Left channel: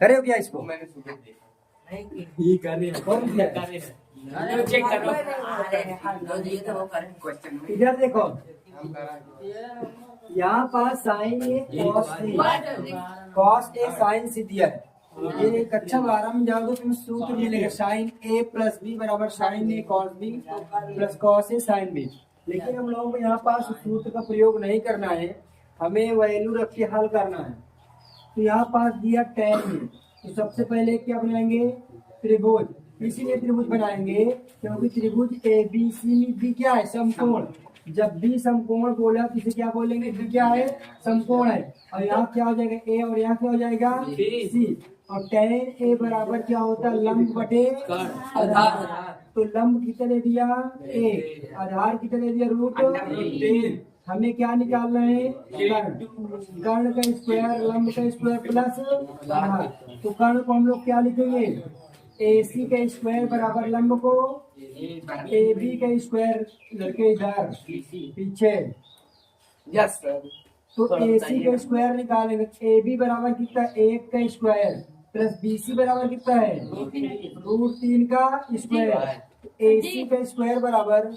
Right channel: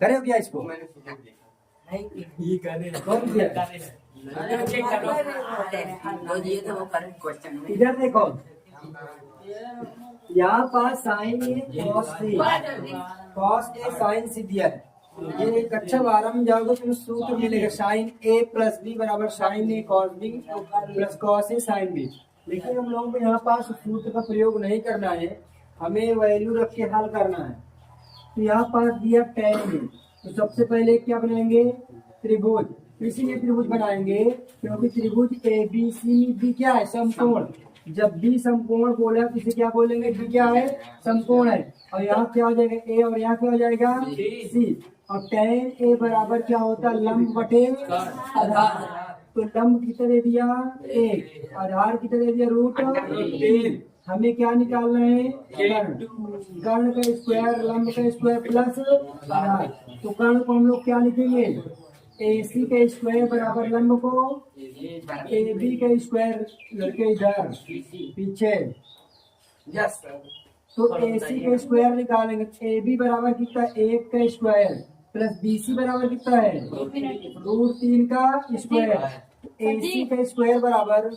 करे हो क्या इसको? ये करे कौन किया? चेक करो। इधर देखो, यहाँ पास sign A cos A sign सी दिया है। ये कक्षा 12 में जाओगे तुम्हें सूत्र मिलेगा, साइन ए प्लस बी बराबर sign A cos B plus cos A sine B. लेकिन हम लोगों को यहाँ पास सूत्र का प्रयोग नहीं करना है, हमें वैल्यू रख के हल करना है। तो यहाँ पास दिया tan ए, तो सबसे पहले क्या बनाएंगे? त्रिभुज। इसीलिए त्रिभुज बनाएंगे क्योंकि त्रिभुज ए बी सी बी क्या है? समकोण। जब बी समकोण बोला तो इसे क्या बोलेंगे? बी क्या है? समकोण है। और यहाँ क्या हो जाएगा? ए, और यहाँ क्या हो जाएगा? सी। और tan ए बराबर क्या होता है? लंब बटे आधार। तो लंब कितना दे दिया? 1, आधार कितना दे दिया? √3। हमें क्या निकालना है? कर्ण। कर्ण का स्क्वायर लंब का स्क्वायर प्लस आधार। तो कर्ण को हम लोग क्या लिखेंगे? AC का स्क्वायर बराबर लंब को AB का स्क्वायर लड़के इधर पीछे। यस तो AC का स्क्वायर निकालेंगे। AB बराबर कितना? 1 का स्क्वायर प्लस BC बराबर कितना है? √3 का स्क्वायर। AC का स्क्वायर बराबर,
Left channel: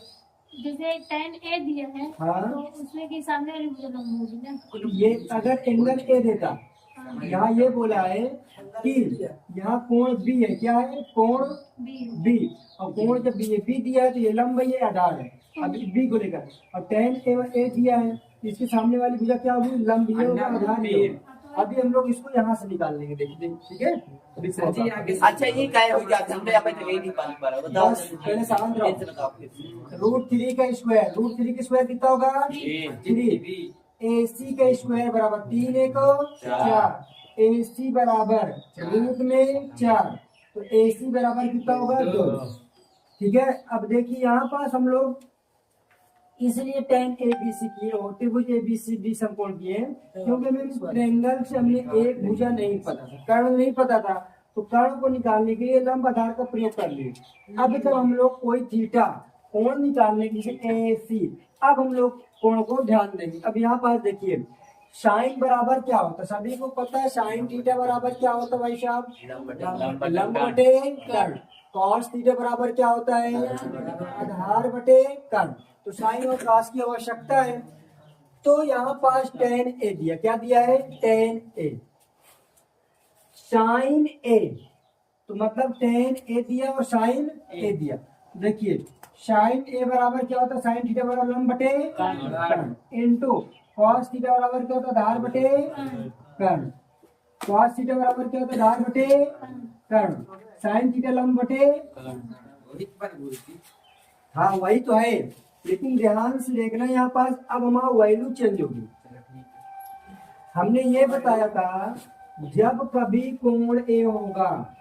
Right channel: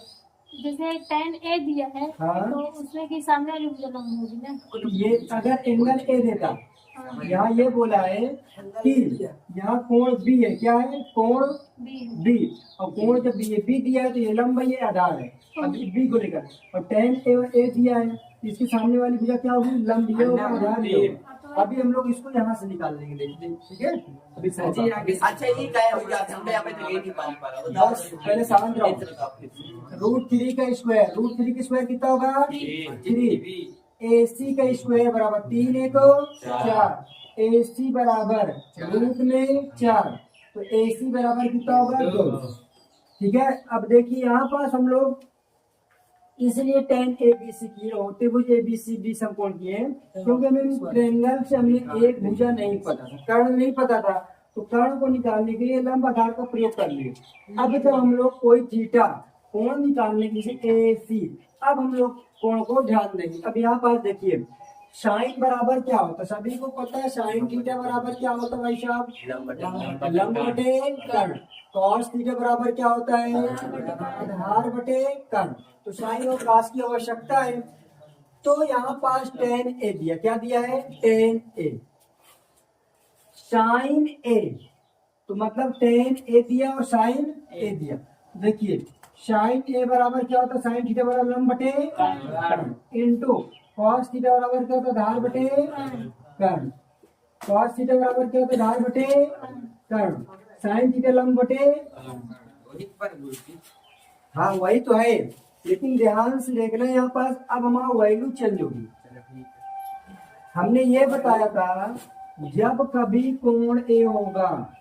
जैसे tan A दिया है, हाँ, तो उसमें की सामने वाली भुजा लंब होगी ना। ये अगर एंगल ए देता, यहाँ ये बोला है कि यहाँ कोण बी है। क्या है? कोण बी। और कोण जब बी दिया है तो ये लंब है, ये आधार है। अब बी को लेकर, और tan ए दिया है, इसके सामने वाली भुजा क्या होगी? लंब ये होगा, आधार ये होगा। अभी हम लोग इसको यहाँ से निकाल लेंगे, देखिए, ठीक है? अभी अच्छा ये क्या हो गया? हमने यहाँ पे तो ये नहीं पाल पा रहा। बस पहले शांत रहो। √3 का स्क्वायर, √3 का स्क्वायर कितना होगा? 3। AC का स्क्वायर बराबर 3 1 4। AC बराबर रूट में 4, तो AC बराबर कितना होगा? 2। ठीक है। अब देखिए यहाँ पास हम लोग इसलिए tan ABC किए और त्रिभुज ABCD समकोण किए क्योंकि हमें ट्रायंगल से हमने एक भुजा नहीं पता था, कर्ण नहीं पता था। तो कर्ण को निकालने के लिए लंब आधार का प्रयोग कर लिए। अब जब हम लोग कोई थीटा कोण निकालने के लिए AC, अब हम लोग कोण को ध्यान देंगे। अब यहाँ पास देखिए, साइन बराबर क्या होता है? सभी को पता है साइन थीटा बराबर क्या होता है भाई साहब? लंब बटे कर्ण। कॉस थीटा बराबर क्या होता है? आधार बटे कर्ण। तो साइन और कॉस की आवश्यकता है। तो यहाँ पास tan A दिया, क्या दिया है? tan A साइन A, तो मतलब tan A दिया और साइन A दिया। देखिए साइन A बराबर क्या होता है? साइन थीटा बराबर लंब बटे कर्ण इनटू कॉस थीटा बराबर क्या होता है? आधार बटे कर्ण। कॉस थीटा बराबर क्या होता है? आधार बटे कर्ण। साइन थीटा लंब बटे, हाँ वही तो है, लेकिन ध्यान से देखना यहाँ पास। अब हमारा वैल्यू चेंज होगी। हमने ये बताया था जब कभी कोण A होगा,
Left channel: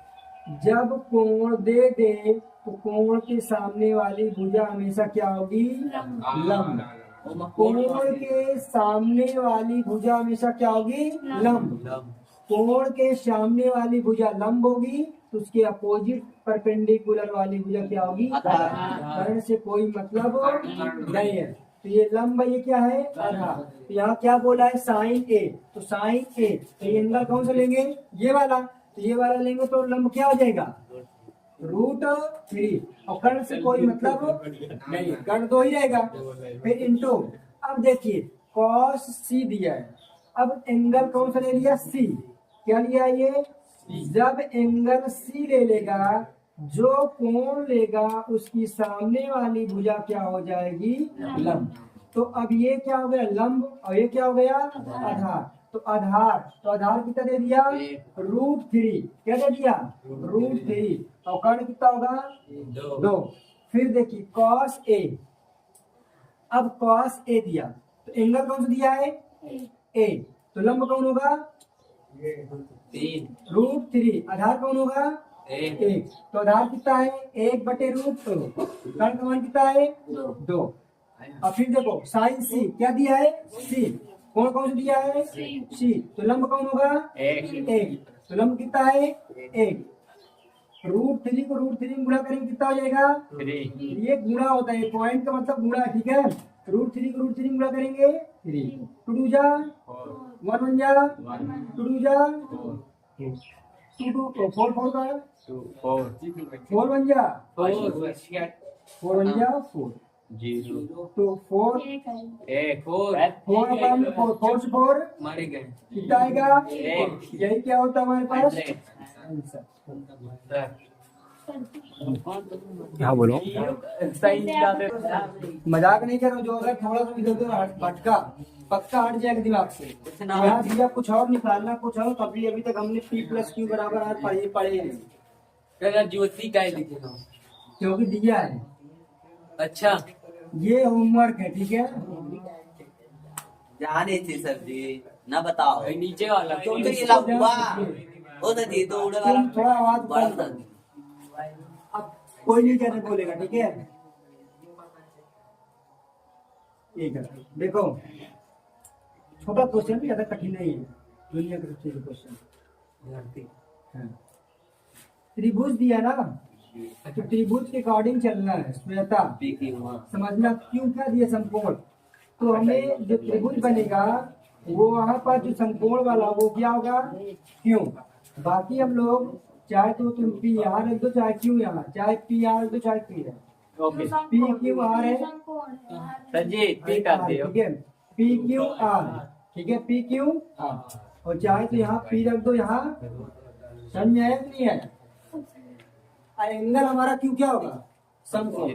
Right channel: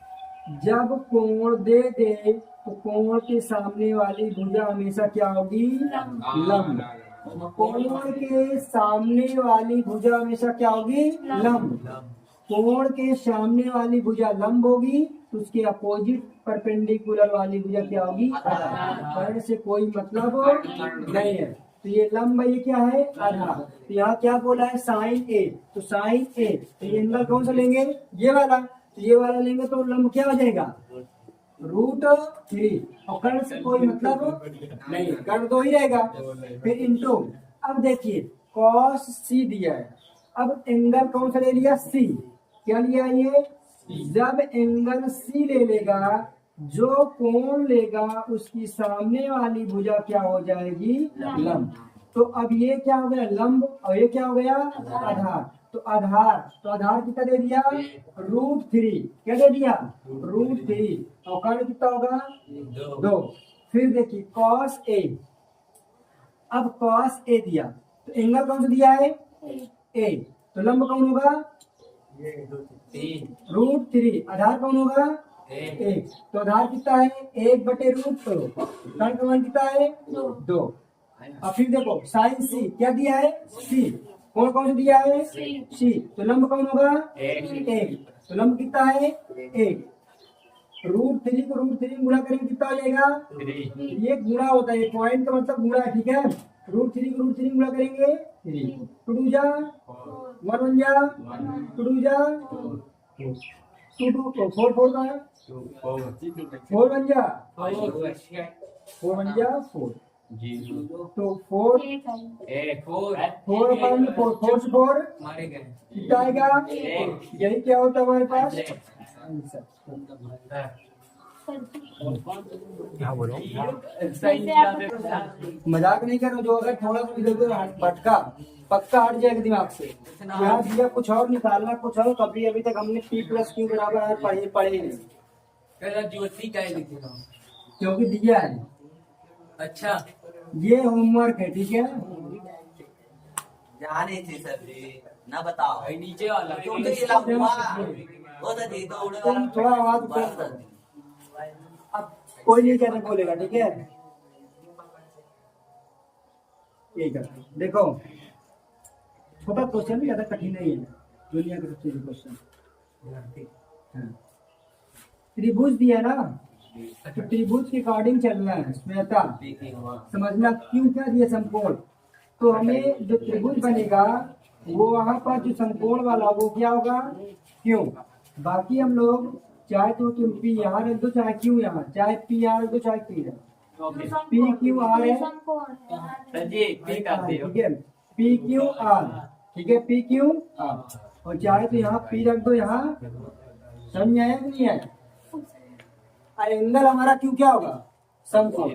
जब कोण दे दे तो कोण के सामने वाली भुजा हमेशा क्या होगी? लंब। कोण के सामने वाली भुजा हमेशा क्या होगी? लंब। कोण के सामने वाली भुजा लंब होगी तो उसके अपोजिट परपेंडिकुलर वाली भुजा क्या होगी? कर्ण से कोई मतलब नहीं है। तो ये लंब, ये क्या है? आधार। तो यहाँ क्या बोला है? साइन A, तो साइन A, तो ये एंगल कौन सा लेंगे? ये वाला। तो ये वाला लेंगे तो लंब क्या हो जाएगा? √3। और कर्ण से कोई मतलब नहीं, कर्ण 2 ही रहेगा। फिर इनटू, अब देखिए कॉस C दिया है। अब एंगल कौन सा ले लिया? C। क्या लिया ये? जब एंगल C ले लेगा, जो कोण लेगा उसकी सामने वाली भुजा क्या हो जाएगी? लंब। तो अब ये क्या हो गया? लंब। और ये क्या हो गया? आधार। तो आधार, तो आधार कितना दे दिया? √3। क्या दे दिया? √3। और कर्ण कितना होगा? 2। फिर देखिए cos A, अब cos A दिया तो एंगल कौन सा दिया है? A, तो लंब कौन होगा? √3। आधार कौन होगा? 1। तो आधार कितना है? 1 बटे √2। कर्ण का मान कितना है? 2। और फिर देखो साइन C, क्या दिया है? C। कौन कौन सा दिया है? C। तो लंब कौन होगा? 1। तो लंब कितना है? 1। √3 को √3 गुणा करेंगे कितना हो जाएगा? 3। ये गुणा होता है, पॉइंट का मतलब गुणा, ठीक है? √3 को √3 गुणा करेंगे 3। 2 जा 1 1 जा 2 जा 2। 2 4 4 का है 4 बन जा 4 बन जा 4 तो 4 एक है 4 अपन 4 से 4 कितना आएगा यही क्या होता है हमारे पास आंसर। हाँ बोलो मजाक नहीं करो जो अगर थोड़ा सा इधर उधर भटका पक्का हट जाएगा दिमाग से। यहाँ दिया कुछ और निकालना कुछ और कभी अभी तक हमने P प्लस क्यू बराबर आर पढ़े ही नहीं ज्योति का ही लिखे क्योंकि दिया है। अच्छा ये होमवर्क है ठीक है। जाने थे सर जी ना बताओ नीचे वाला तुम तो थोड़ा आवाज कम करो अब कोई नहीं कहने बोलेगा ठीक है। ठीक है देखो छोटा क्वेश्चन ज्यादा कठिन नहीं है दुनिया के सबसे क्वेश्चन त्रिभुज दिया ना तो त्रिभुज के अकॉर्डिंग चलना है श्वेता समझना क्यों क्या दिया समकोण तो हमें जो त्रिभुज बनेगा वो वहां पर जो समकोण वाला वो क्या होगा क्यों। बाकी हम लोग चाहे तो तुम पी यहाँ रख दो चाहे क्यू यहाँ चाहे पी यहाँ रख दो चाहे पी पी क्यू आर है ठीक है पी क्यू आर ठीक है पी क्यू आर और चाहे तो यहाँ पी रख दो यहाँ समझ आया नहीं है। एंगल हमारा क्यू क्या होगा समकोण।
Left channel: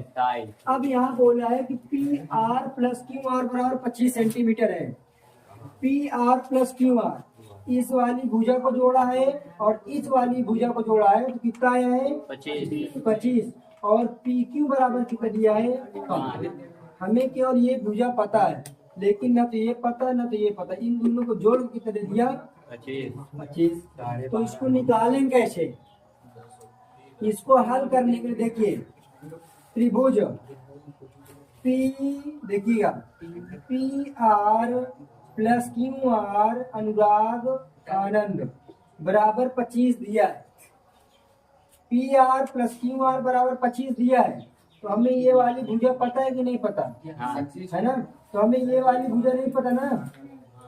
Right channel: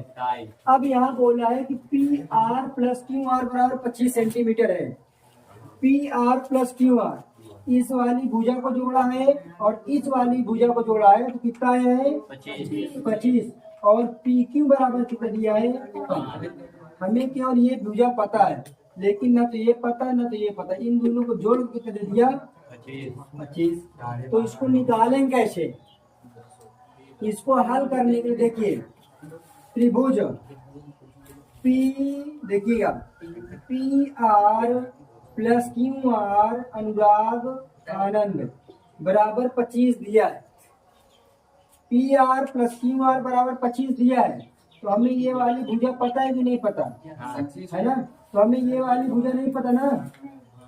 अब यहाँ बोला है कि P R plus Q R बराबर 25 सेंटीमीटर है। P R plus Q are इस वाली भुजा को जोड़ा है और इस वाली भुजा को जोड़ा है तो कितना आया है 25 और पी क्यू बराबर कितना दिया है 5। हमें केवल ये भुजा पता है लेकिन न तो ये पता न तो ये पता इन दोनों को जोड़ के कितना दे दिया 25। तो इसको निकालें कैसे इसको हल करने के लिए देखिए त्रिभुज पी देखिएगा P R plus Q R Anurag Anand बराबर 25 दिया है। P R plus Q R बराबर 25 दिया है तो हमें ये वाली भुजा पता है कि नहीं पता है ना। तो हमें ये वाली भुजा नहीं पता ना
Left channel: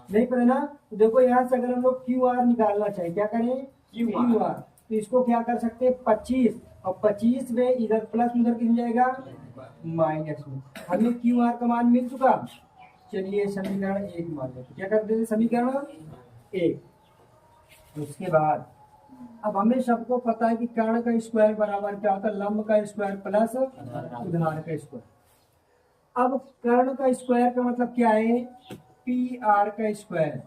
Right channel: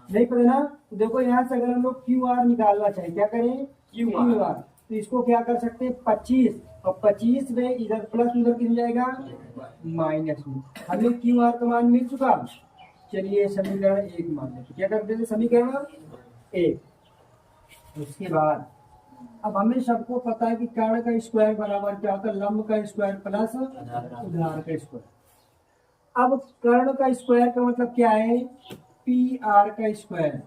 नहीं पता ना। तो देखो यहाँ से अगर हम लोग क्यू आर निकालना चाहे क्या करें क्यू आर तो इसको क्या कर सकते हैं 25 और 25 में इधर प्लस उधर कितना जाएगा माइनस में। हमें क्यू आर का मान मिल चुका। चलिए समीकरण 1 मान लेते क्या करते थे समीकरण 1। उसके बाद अब हमें सबको पता है कि कर्ण का स्क्वायर बराबर क्या होता है लंब का स्क्वायर प्लस उधार का स्क्वायर। अब कर्ण का स्क्वायर का मतलब क्या है पी आर का स्क्वायर।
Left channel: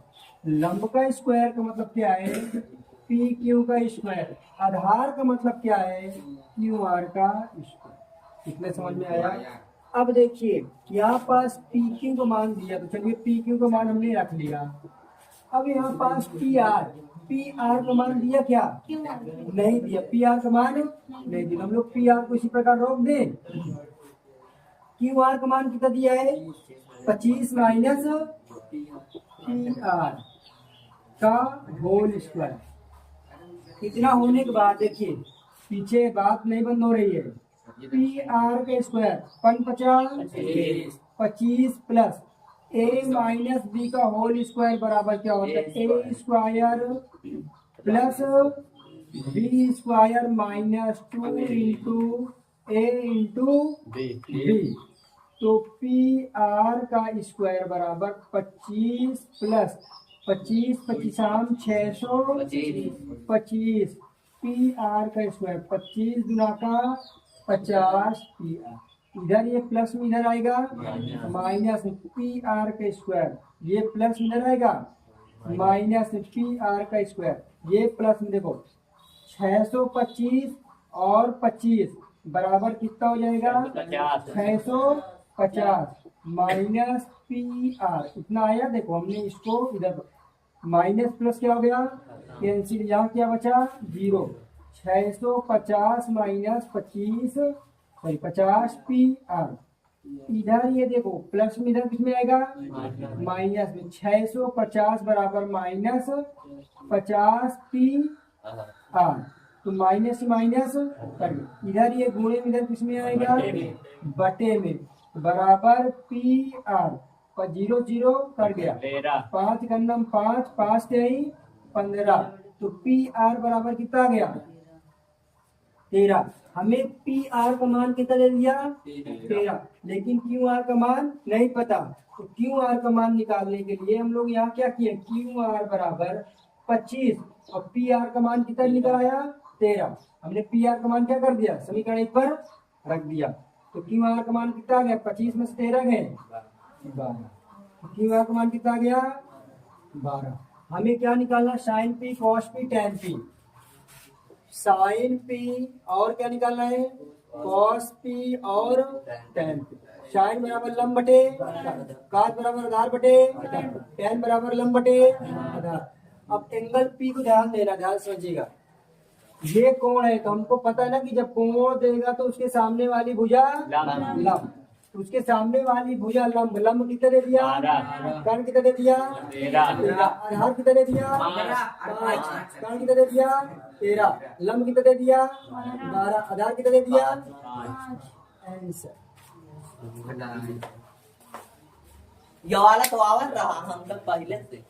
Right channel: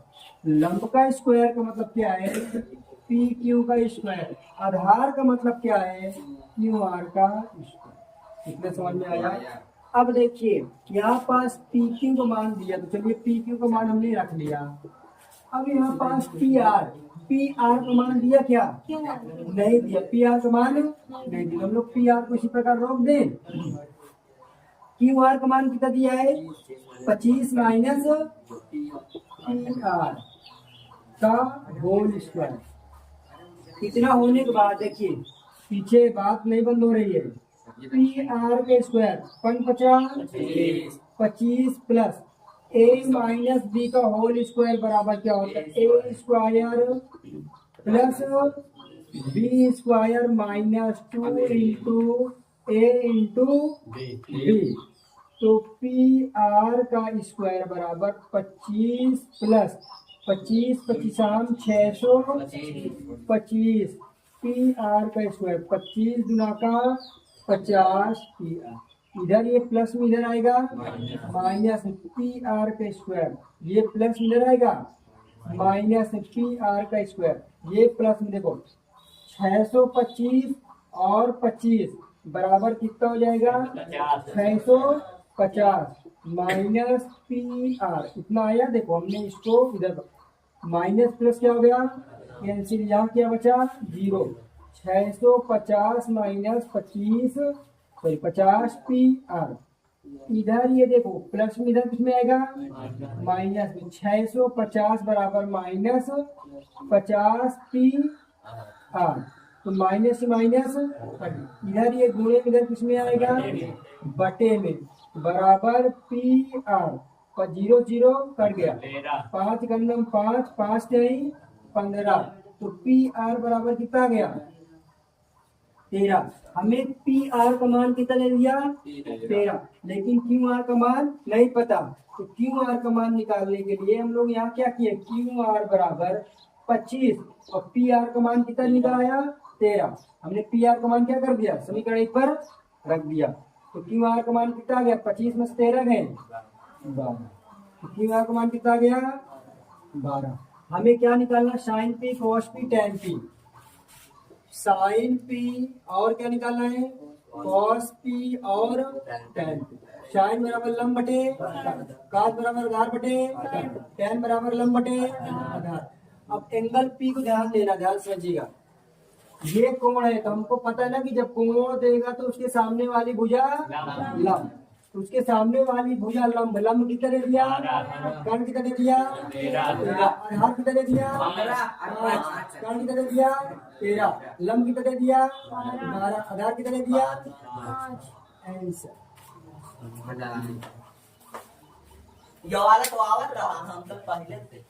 लंब का स्क्वायर का मतलब क्या है पी क्यू का स्क्वायर। आधार का मतलब क्या है क्यू आर का स्क्वायर। इतने समझ में आया। अब देखिए यहाँ पास पी क्यू का मान दिया तो चलिए पी क्यू का मान हमने रख लिया। अब यहाँ पास पी आर का मान दिया क्या नहीं दिया पी आर का मान नहीं दिया। हम लोग पी आर को इसी प्रकार रोक दें। क्यू आर का मान कितना दिया है 25 माइनस पी आर का होल स्क्वायर। इतना होने के बाद देखिए पीछे बात नहीं बंद हो रही है। पी आर का square 25 plus A minus B का होल स्क्वायर बराबर क्या होता है A square plus B square minus 2 into A into B. तो पी आर का स्क्वायर बराबर 25 प्लस 25 625 पी आर का स्क्वायर 25 गुना का 50 पी आर। इधर ये प्लस में इधर आएगा माइनस पी आर का स्क्वायर ये प्लस में इधर आएगा माइनस पी आर का स्क्वायर ये प्लस में देखो 625 और 25 बराबर कितना हो जाएगा 650 माइनस पी आर इतना आया। देखो हमने इसको इधर माइनस प्लस क्या हो गया कैंसिल यहाँ क्या बचा 0। 650 माइनस 25 सॉरी 50 पी आर। इधर ये देखो प्लस में इधर किसमें आएगा माइनस में 650 बराबर माइनस 50 पी आर। तो माइनस से माइनस इधर ये गुणे में इधर किसमें आएगा बटे में बराबर पी आर पर 0 0 कट गया 5 गंदम 5 5 15 तो पी आर बराबर कितना आ गया 13। हमें पी आर का मान कितना ले लिया 13, लेकिन क्यू आर का मान नहीं पता। तो क्यू आर का मान निकालने के लिए हम लोग यहाँ क्या किए, क्यू आर बराबर 25 और पी आर का मान कितना निकल आया 13। हमने पी आर का मान क्या कर दिया, समीकरण 1 पर रख दिया। तो क्यू आर का मान कितना आ गया, 25 में से 13 गए 12। तो क्यू आर का मान कितना आ गया 12। हमें क्या निकालना, sine p cos p tan p. Sine p और क्या निकालना है, कॉस पी और टेन पी। साइन बराबर लंब बटे काट बराबर आधार बटे टेन बराबर लंब बटे आधार। अब एंगल पी को ध्यान देना, ध्यान समझिएगा। ये कोण है तो हमको पता है ना कि जब कोण देगा तो उसके सामने वाली भुजा लंब, तो उसके सामने वाली भुजा लंब, लंब कितना दे दिया, कर्ण कितना दे दिया 13, आधार कितना दे दिया 5, कर्ण कितना दे दिया 13, लंब कितना दे दिया 12, आधार कितना दे दिया 5। ये वाला तो आवाज रहा हम लोग पहले से।